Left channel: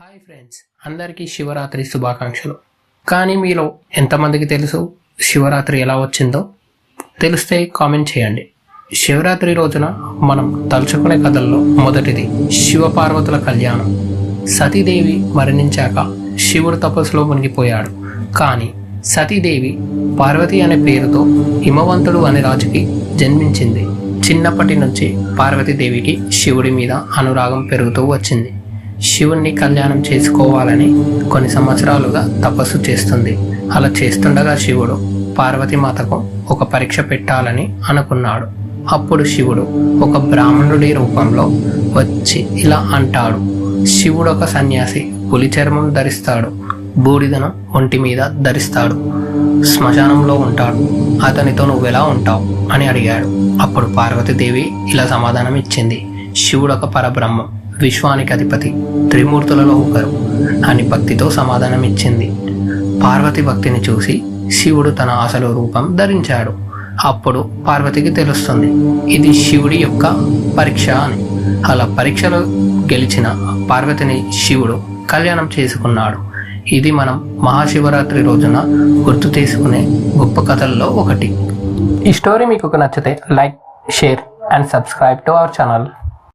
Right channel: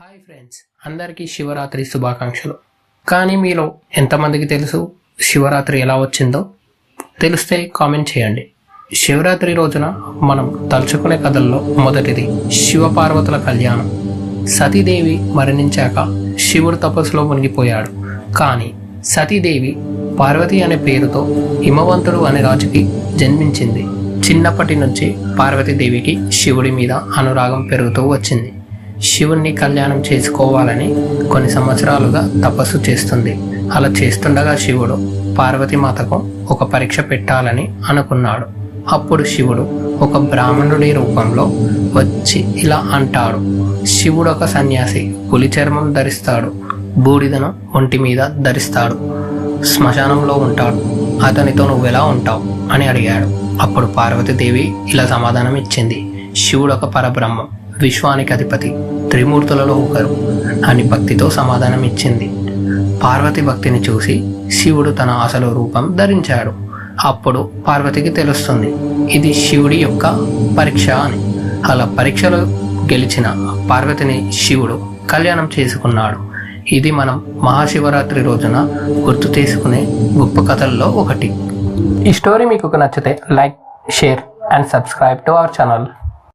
Hi friends, అందరికీ శివరాత్రి శుభాకాంక్షలు. కానీ మీలో ఎంతమందికి తెలుసు శివరాత్రి ఎలా వచ్చిందో? తెలిస్తే కామెంట్ చేయండి. శివరాత్రి రోజున మనం తలుచుకునే కథల్లో మొదటిది శివపార్వతుల కళ్యాణం. సతీదేవి మరణించాక శివుడు తపస్సులో మునిగిపోయాడు. కానీ సతీదేవి పార్వతి అనే పేరుతో హిమవంతుడు అనే రాజుకి జన్మించింది. చిన్నప్పటి నుంచి పార్వతీదేవికి శివుడి మీద అనురాగం పెరుగుతూ వచ్చింది. శివుణ్ణి కళ్యాణం చేసుకోవాలని కొన్ని సంవత్సరాలుగా తపస్సు చేస్తుంది. అలా చేస్తుండగా శివుడు పార్వతీమాతకు ఒక పరీక్ష పెట్టాలని అనుకున్నాడు. అప్పుడు శివుడు ఒక బ్రాహ్మణుడి రూపంలో వచ్చి ఇలా అంటాడు. శివుడు ఒక సన్యాసి, పులి చర్మం ధరిస్తాడు, బూడిదను ఒంటి మీద ధరిస్తాడు, శ్మశానంలో ఉంటాడు. అతనితో నువ్వెలా ఉంటావు అని అడిగాడు. అప్పుడు పార్వతీదేవి ఇలా సమాధానం ఇచ్చింది. శివుడు ఒక పరబ్రహ్మం, విశ్వానికి అధిపతి, త్రిమూర్తులలో ఒకరు అని భక్తితో సమాధానం ఇచ్చింది. పార్వతి భక్తిని చూసి శివుడు తన అసలు రూపం ధరించాడు. అప్పుడు పార్వతికి తెలుస్తుంది ఇది శివుడి యొక్క పరీక్ష అని. అలా పరీక్షలు గెలిచిన పార్వతిని శివుడు కళ్యాణం చేసుకున్నాడు. ఇది మనం మహాశివరాత్రి రోజున గుర్తు చేసుకునే గొప్ప కథల్లో ఒకటి. ఈ స్టోరీ మీకు నచ్చితే like, share and subscribe to our channel.